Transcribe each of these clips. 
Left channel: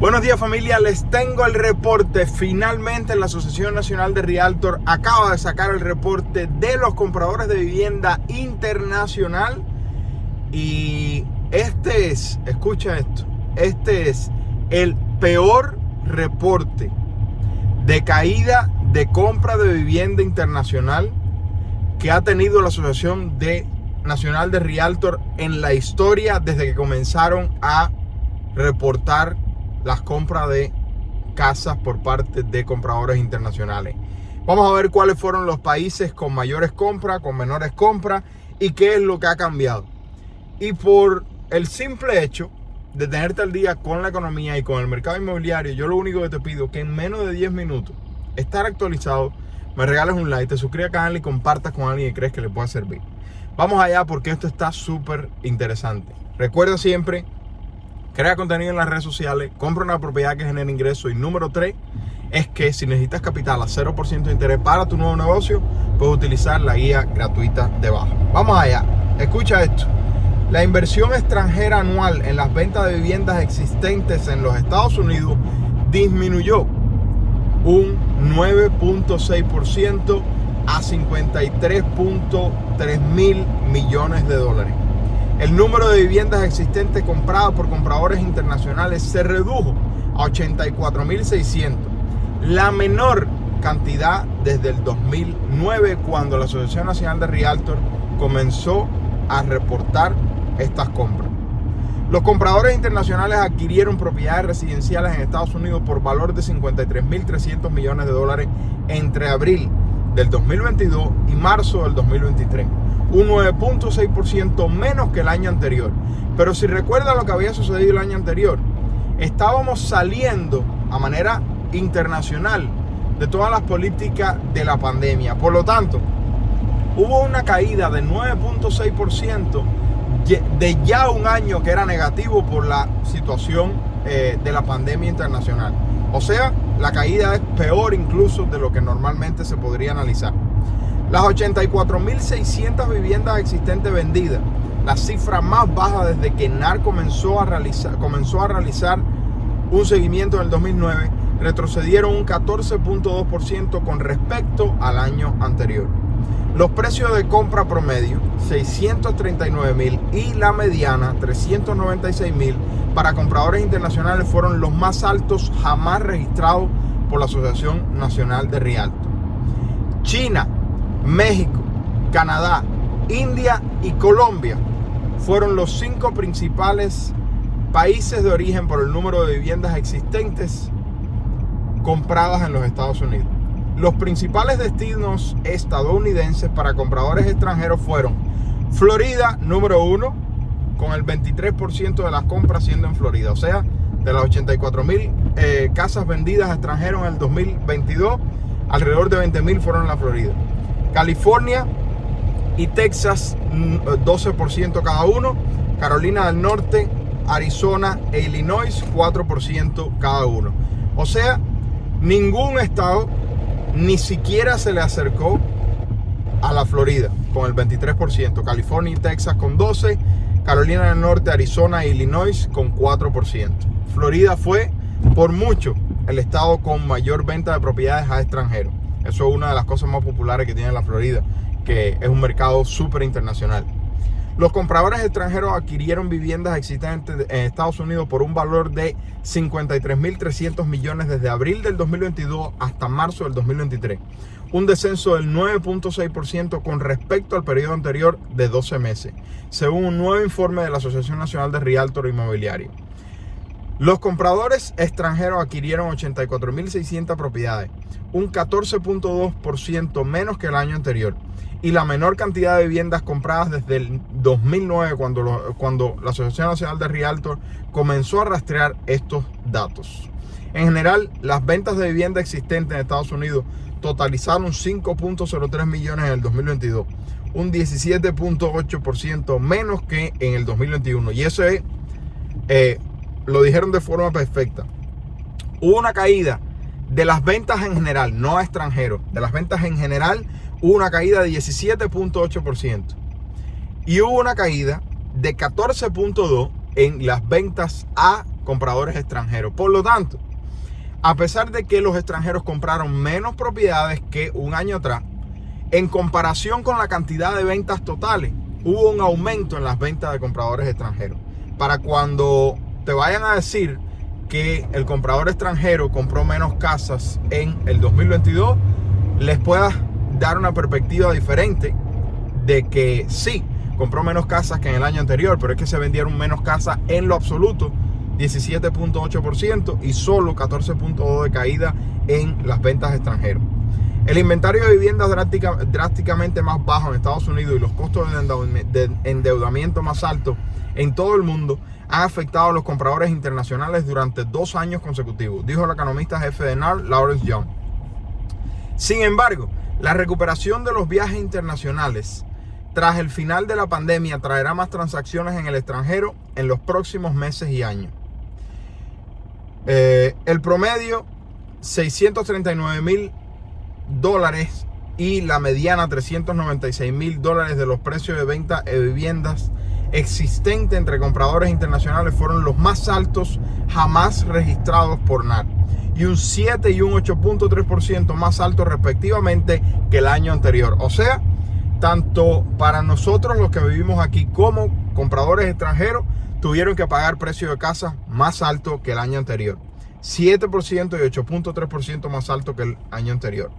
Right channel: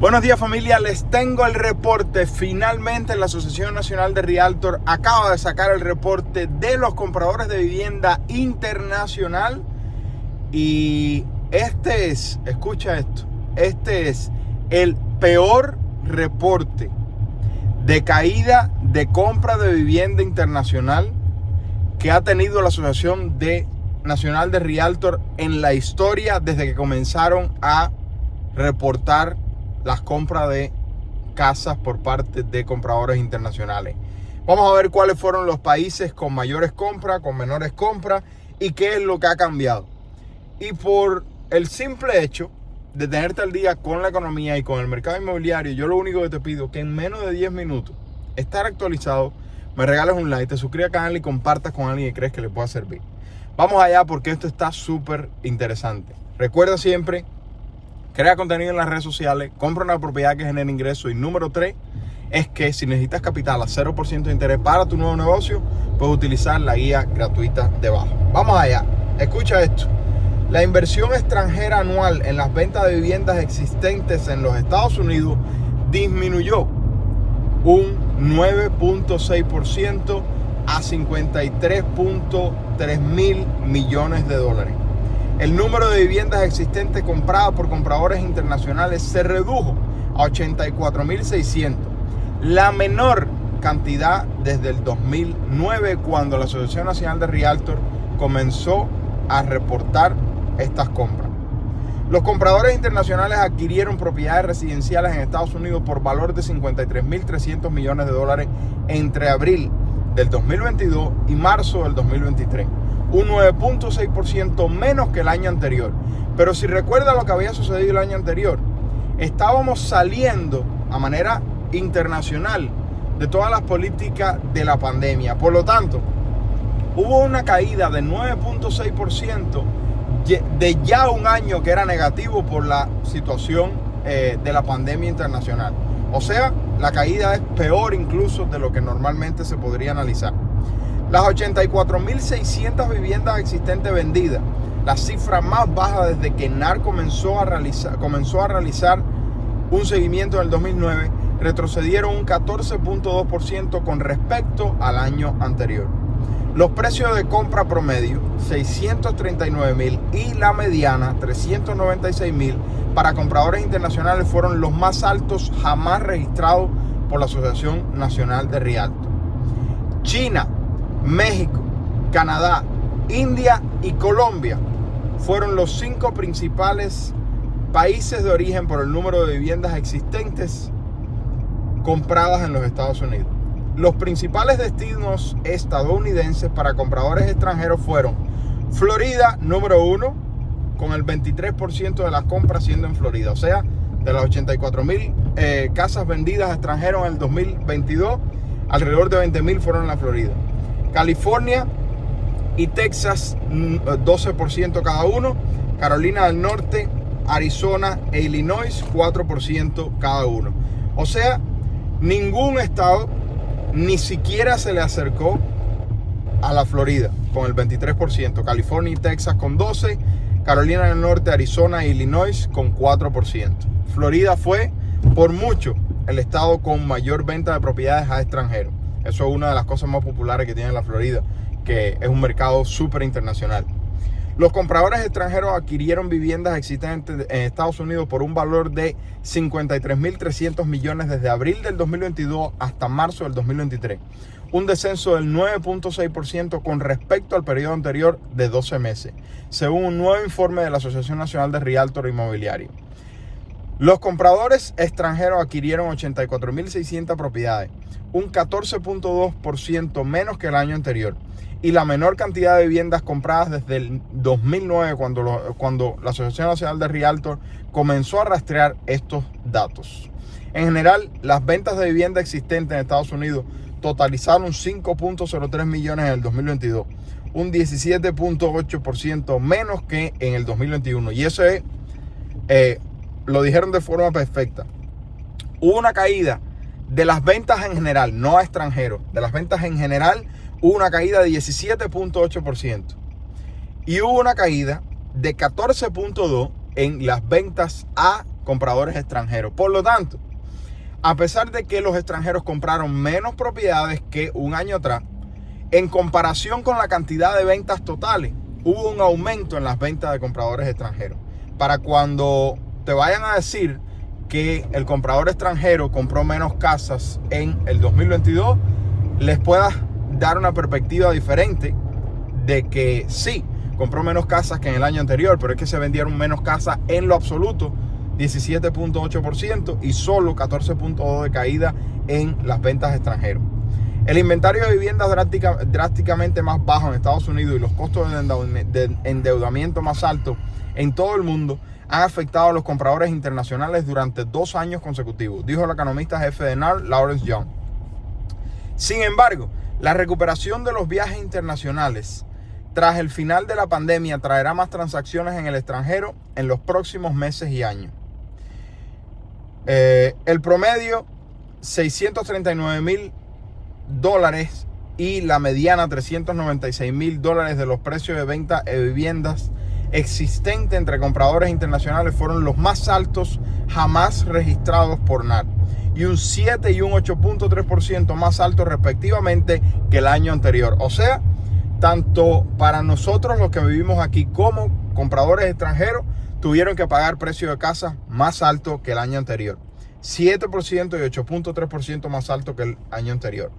Buenos días, familia, les tengo el reporte. Finalmente la Asociación Nacional de Realtor acaba de sacar el reporte de los compradores de vivienda internacional y escucha esto, este es el peor reporte de caída de compra de vivienda internacional que ha tenido la Asociación Nacional de Realtor en la historia desde que comenzaron a reportar las compras de casas por parte de compradores internacionales. Vamos a ver cuáles fueron los países con mayores compras, con menores compras y qué es lo que ha cambiado. Y por el simple hecho de tenerte al día con la economía y con el mercado inmobiliario, yo lo único que te pido es que en menos de 10 minutos estar actualizado, me regales un like, te suscribas al canal y compartas con alguien que crees que le pueda servir. Vamos allá porque esto está súper interesante. Recuerda siempre: crea contenido en las redes sociales, compra una propiedad que genere ingresos. Y número 3 es que si necesitas capital a 0% de interés para tu nuevo negocio, puedes utilizar la guía gratuita debajo. Vamos allá, escucha esto. La inversión extranjera anual en las ventas de viviendas existentes en los Estados Unidos disminuyó un 9.6% a 53.3 mil millones de dólares. El número de viviendas existentes compradas por compradores internacionales se redujo a 84.600, la menor cantidad desde el 2009, cuando la Asociación Nacional de Realtor comenzó a reportar estas compras. Los compradores internacionales adquirieron propiedades residenciales en Estados Unidos por valor de 53.300 millones de dólares entre abril del 2022 y marzo del 2023. Un 9.6% menos que el año anterior. Pero si recuerda lo que había sucedido el año anterior, estábamos saliendo a manera internacional de todas las políticas de la pandemia. Por lo tanto, hubo una caída de 9.6% de ya un año que era negativo por la situación de la pandemia internacional. O sea, la caída es peor incluso de lo que normalmente se podría analizar. Las 84.600 viviendas existentes vendidas, la cifra más baja desde que NAR comenzó a realizar un seguimiento en el 2009, retrocedieron un 14.2% con respecto al año anterior. Los precios de compra promedio, 639.000, y la mediana, 396.000, para compradores internacionales fueron los más altos jamás registrados por la Asociación Nacional de Realtor. China, México, Canadá, India y Colombia fueron los 5 principales países de origen por el número de viviendas existentes compradas en los Estados Unidos. Los principales destinos estadounidenses para compradores extranjeros fueron Florida, número 1, con el 23% de las compras siendo en Florida. O sea, de las 84.000 casas vendidas a extranjeros en el 2022, alrededor de 20.000 fueron en la Florida. California y Texas, 12% cada uno. Carolina del Norte, Arizona e Illinois, 4% cada uno. O sea, ningún estado ni siquiera se le acercó a la Florida con el 23%. California y Texas con 12%. Carolina del Norte, Arizona e Illinois con 4%. Florida fue por mucho el estado con mayor venta de propiedades a extranjeros. Eso es una de las cosas más populares que tiene la Florida, que es un mercado súper internacional. Los compradores extranjeros adquirieron viviendas existentes en Estados Unidos por un valor de 53.300 millones desde abril del 2022 hasta marzo del 2023. Un descenso del 9.6% con respecto al periodo anterior de 12 meses, según un nuevo informe de la Asociación Nacional de Realtor Inmobiliario. Los compradores extranjeros adquirieron 84.600 propiedades, un 14.2% menos que el año anterior, y la menor cantidad de viviendas compradas desde el 2009, cuando la Asociación Nacional de Realtor comenzó a rastrear estos datos. En general, las ventas de vivienda existentes en Estados Unidos totalizaron 5.03 millones en el 2022, un 17.8% menos que en el 2021. Y eso es, lo dijeron de forma perfecta. Hubo una caída de las ventas en general, no a extranjeros, de las ventas en general hubo una caída de 17.8%. Y hubo una caída de 14.2% en las ventas a compradores extranjeros. Por lo tanto, a pesar de que los extranjeros compraron menos propiedades que un año atrás, en comparación con la cantidad de ventas totales, hubo un aumento en las ventas de compradores extranjeros. Para cuando te vayan a decir que el comprador extranjero compró menos casas en el 2022, les puedas dar una perspectiva diferente de que sí, compró menos casas que en el año anterior, pero es que se vendieron menos casas en lo absoluto, 17.8%, y solo 14.2% de caída en las ventas extranjeras. El inventario de viviendas drásticamente más bajo en Estados Unidos y los costos de endeudamiento más altos en todo el mundo han afectado a los compradores internacionales durante 2 años consecutivos, dijo el economista jefe de NAR, Lawrence Young. Sin embargo, la recuperación de los viajes internacionales tras el final de la pandemia traerá más transacciones en el extranjero en los próximos meses y años. El promedio, $639,000 y la mediana, $396,000 de los precios de venta de viviendas existentes entre compradores internacionales fueron los más altos jamás registrados por NAR, y un 7 y un 8.3% más altos respectivamente que el año anterior. O sea, tanto para nosotros los que vivimos aquí como compradores extranjeros tuvieron que pagar precios de casa más alto que el año anterior. 7% y 8.3% más alto que el año anterior.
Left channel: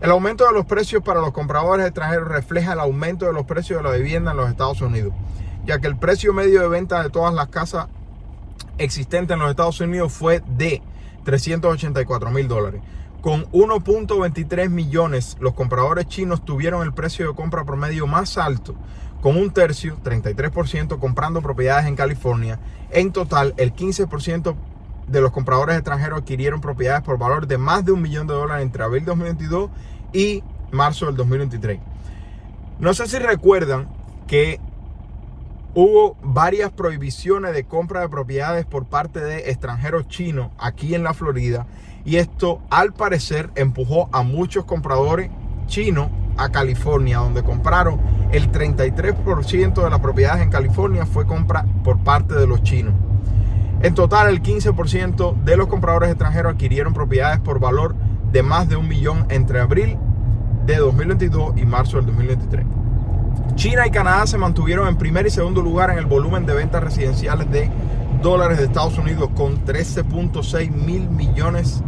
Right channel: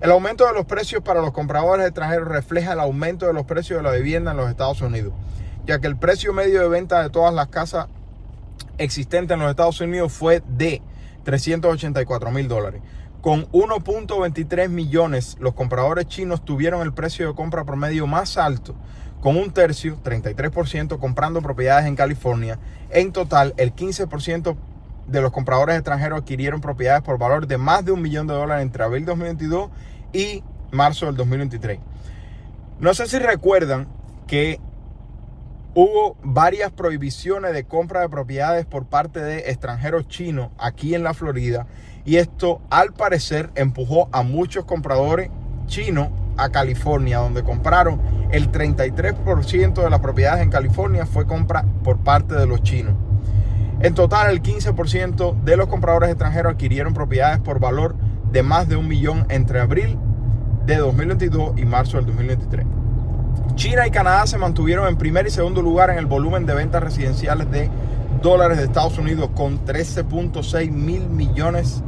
El aumento de los precios para los compradores extranjeros refleja el aumento de los precios de la vivienda en los Estados Unidos, ya que el precio medio de venta de todas las casas existentes en los Estados Unidos fue de $384,000. Con 1.23 millones, los compradores chinos tuvieron el precio de compra promedio más alto, con un tercio, 33%, comprando propiedades en California. En total, el 15% de los compradores extranjeros adquirieron propiedades por valor de más de $1 millón entre abril 2022 y marzo del 2023. No sé si recuerdan que hubo varias prohibiciones de compra de propiedades por parte de extranjeros chinos aquí en la Florida, y esto al parecer empujó a muchos compradores chinos a California, donde compraron el 33% de las propiedades en California fue compra por parte de los chinos. En total, el 15% de los compradores extranjeros adquirieron propiedades por valor de más de $1 millón entre abril de 2022 y marzo del 2023. China y Canadá se mantuvieron en primer y segundo lugar en el volumen de ventas residenciales de dólares de Estados Unidos, con 13.6 mil millones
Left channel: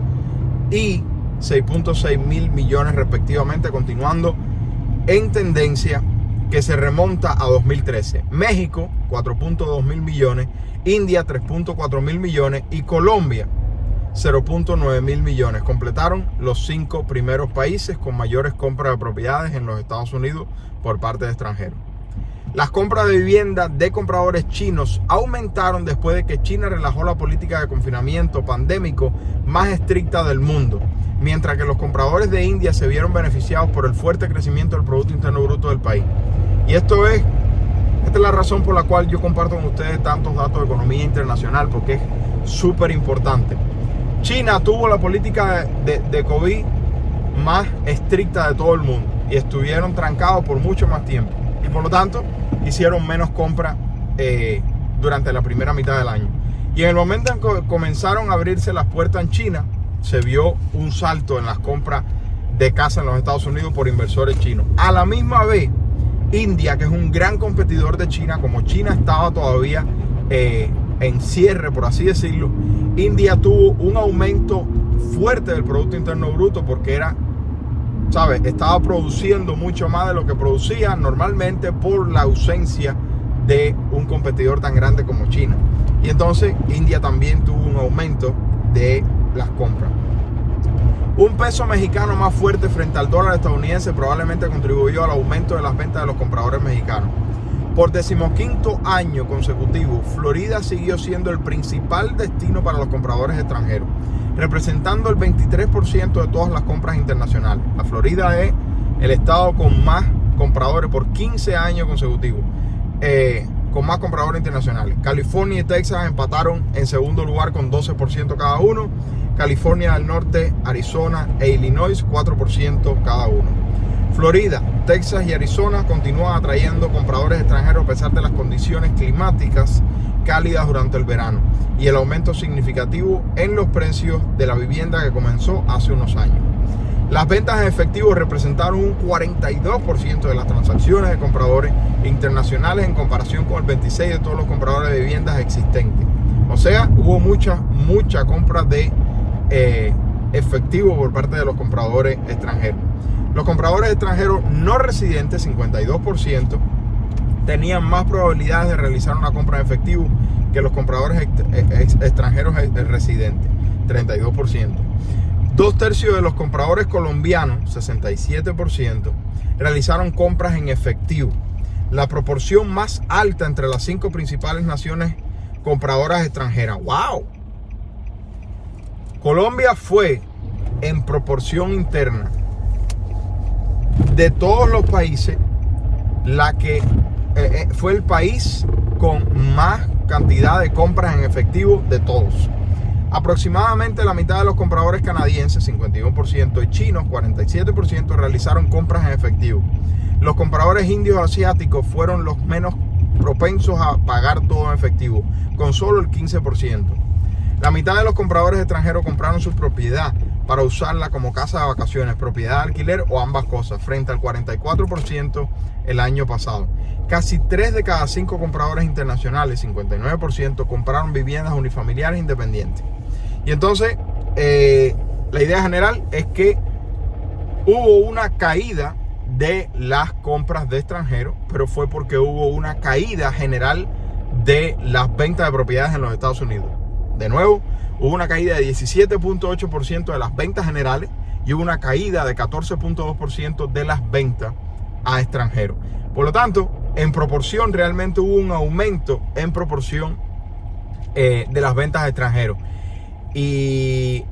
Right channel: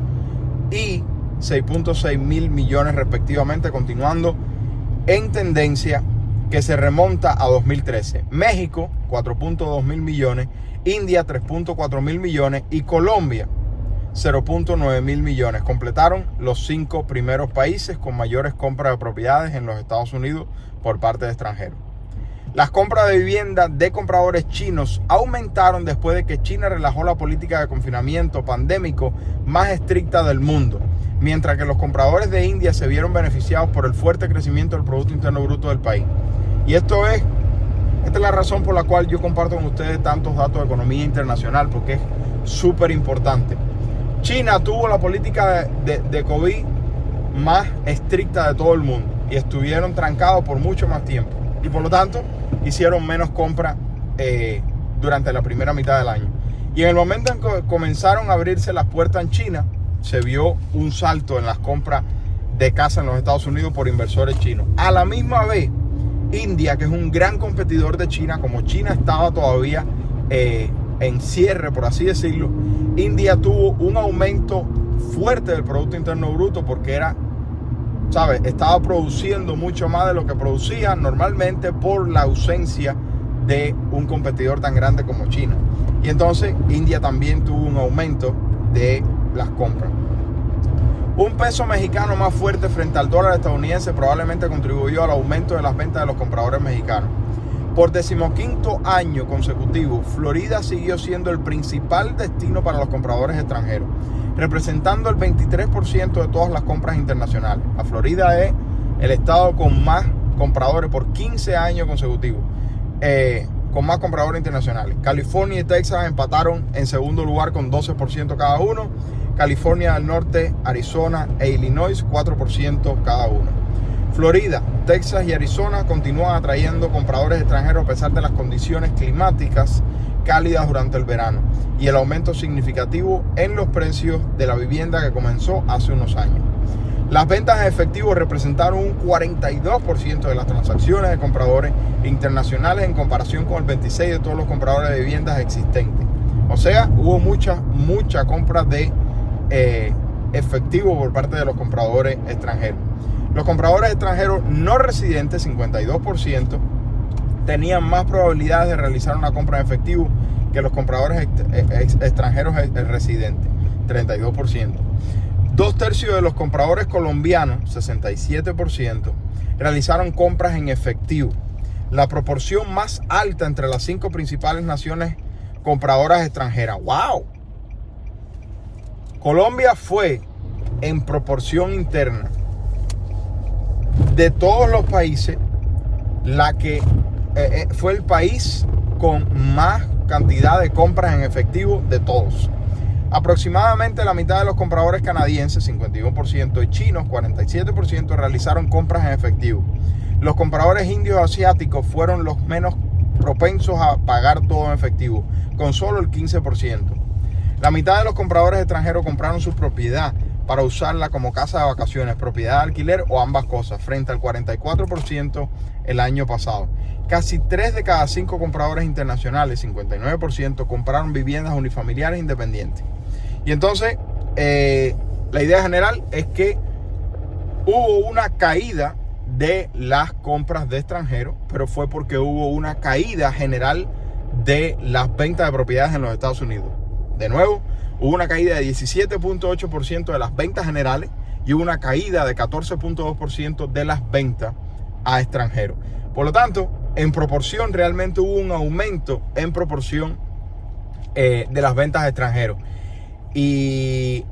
y 6.6 mil millones respectivamente, continuando en tendencia que se remonta a 2013. México, 4.2 mil millones, India, 3.4 mil millones y Colombia, 0.9 mil millones. Completaron los 5 primeros países con mayores compras de propiedades en los Estados Unidos por parte de extranjeros. Las compras de vivienda de compradores chinos aumentaron después de que China relajó la política de confinamiento pandémico más estricta del mundo, mientras que los compradores de India se vieron beneficiados por el fuerte crecimiento del Producto Interno Bruto del país. Y esta es la razón por la cual yo comparto con ustedes tantos datos de economía internacional, porque es súper importante. China tuvo la política de COVID más estricta de todo el mundo y estuvieron trancados por mucho más tiempo, y por lo tanto hicieron menos compras durante la primera mitad del año. Y en el momento en que comenzaron a abrirse las puertas en China, se vio un salto en las compras de casa en los Estados Unidos por inversores chinos. A la misma vez, India, que es un gran competidor de China, como China estaba todavía en cierre, por así decirlo, India tuvo un aumento fuerte del Producto Interno Bruto porque estaba produciendo mucho más de lo que producía normalmente por la ausencia de un competidor tan grande como China. Y entonces India también tuvo un aumento de las compras. Un peso mexicano más fuerte frente al dólar estadounidense probablemente contribuyó al aumento de las ventas de los compradores mexicanos. Por 15º año consecutivo, Florida siguió siendo el principal destino para los compradores extranjeros, representando el 23% de todas las compras internacionales. La Florida es el estado con más compradores por 15 años consecutivos, con más compradores internacionales. California y Texas empataron en segundo lugar con 12% cada uno. California del Norte, Arizona e Illinois, 4% cada uno. Florida, Texas y Arizona continúan atrayendo compradores extranjeros a pesar de las condiciones climáticas cálidas durante el verano y el aumento significativo en los precios de la vivienda que comenzó hace unos años. Las ventas en efectivo representaron un 42% de las transacciones de compradores internacionales en comparación con el 26% de todos los compradores de viviendas existentes. O sea, hubo mucha compra de efectivo por parte de los compradores extranjeros. Los compradores extranjeros no residentes, 52%, tenían más probabilidades de realizar una compra en efectivo que los compradores extranjeros residentes, 32%. 2/3 de los compradores colombianos, 67%, realizaron compras en efectivo, la proporción más alta entre las 5 principales naciones compradoras extranjeras. ¡Wow! Colombia fue, en proporción interna, de todos los países, fue el país con más cantidad de compras en efectivo de todos. Aproximadamente la mitad de los compradores canadienses, 51%, y chinos, 47%, realizaron compras en efectivo. Los compradores indios asiáticos fueron los menos propensos a pagar todo en efectivo, con solo el 15%. La mitad de los compradores extranjeros compraron su propiedad para usarla como casa de vacaciones, propiedad de alquiler o ambas cosas, frente al 44% el año pasado. Casi 3 de cada 5 compradores internacionales, 59%, compraron viviendas unifamiliares independientes. Y entonces, la idea general es que hubo una caída de las compras de extranjeros, pero fue porque hubo una caída general de las ventas de propiedades en los Estados Unidos. De nuevo, hubo una caída de 17.8% de las ventas generales y hubo una caída de 14.2% de las ventas a extranjeros. Por lo tanto, en proporción, realmente hubo un aumento en proporción de las ventas a extranjeros. Y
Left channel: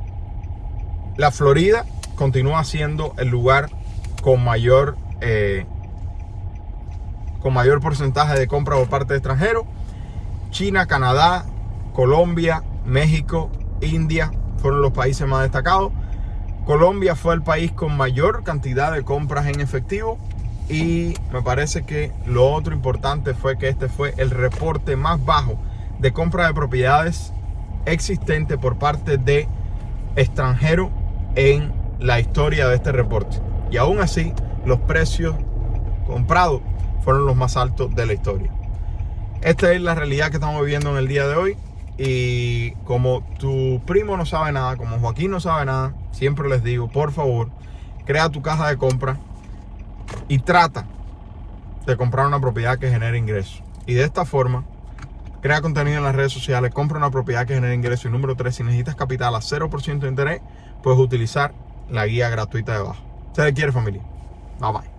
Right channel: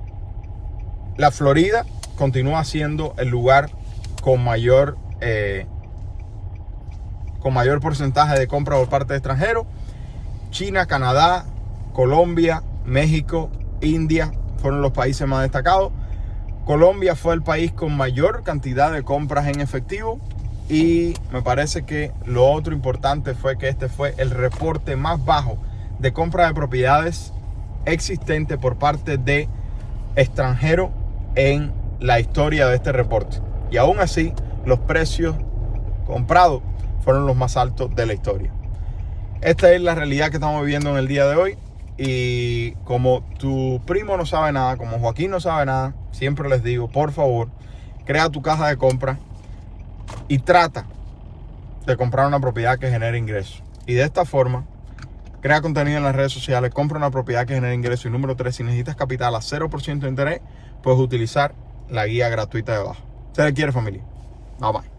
la Florida continúa siendo el lugar con mayor porcentaje de compra por parte de extranjeros. China, Canadá, Colombia, México, India fueron los países más destacados. Colombia fue el país con mayor cantidad de compras en efectivo. Y me parece que lo otro importante fue que este fue el reporte más bajo de compra de propiedades existente por parte de extranjeros en la historia de este reporte. Y aún así, los precios comprados fueron los más altos de la historia. Esta es la realidad que estamos viviendo en el día de hoy. Y como tu primo no sabe nada, como Joaquín no sabe nada, siempre les digo, por favor, crea tu caja de compra y trata de comprar una propiedad que genere ingresos. Y de esta forma, crea contenido en las redes sociales, compra una propiedad que genere ingresos. Y número 3, si necesitas capital a 0% de interés, puedes utilizar la guía gratuita de abajo. Se le quiere, familia. Bye bye.